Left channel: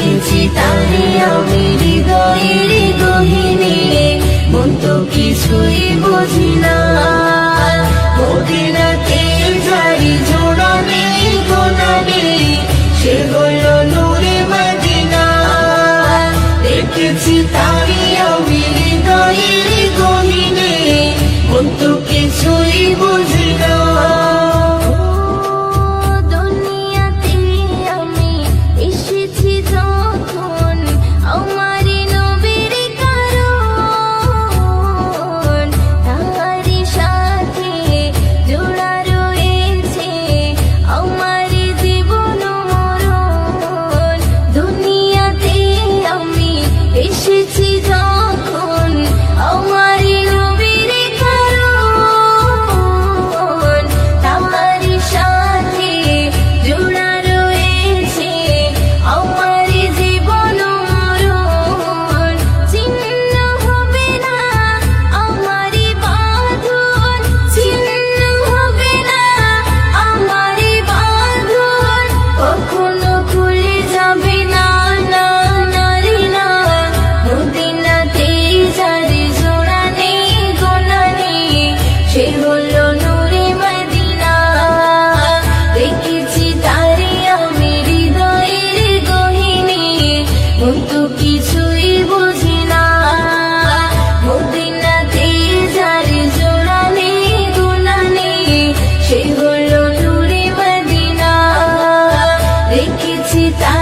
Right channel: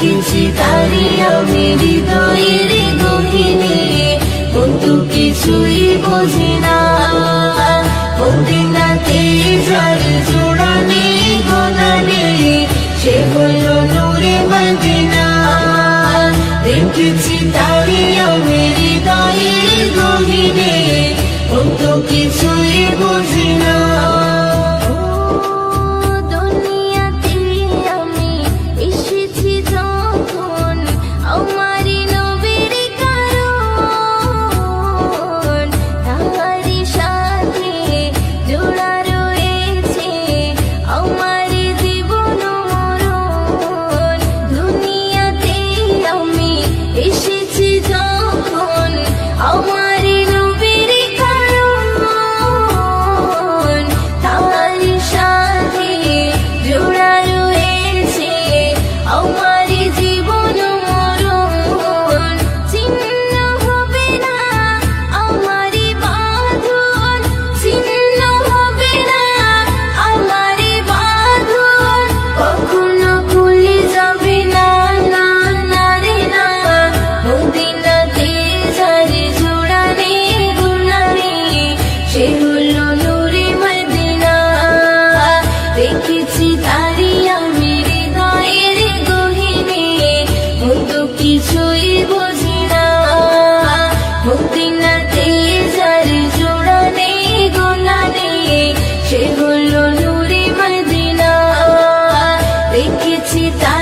কিঞ্চি তারি আমি হৃদয়ের গহিনী বন্ধু কিছুই বুঝি না। মদিনাতে জারি জোড়া নেই গোনা নেই, সে হলো নূরে মদিনা। দেখেছি আছি তা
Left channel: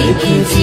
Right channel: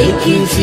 Thank you.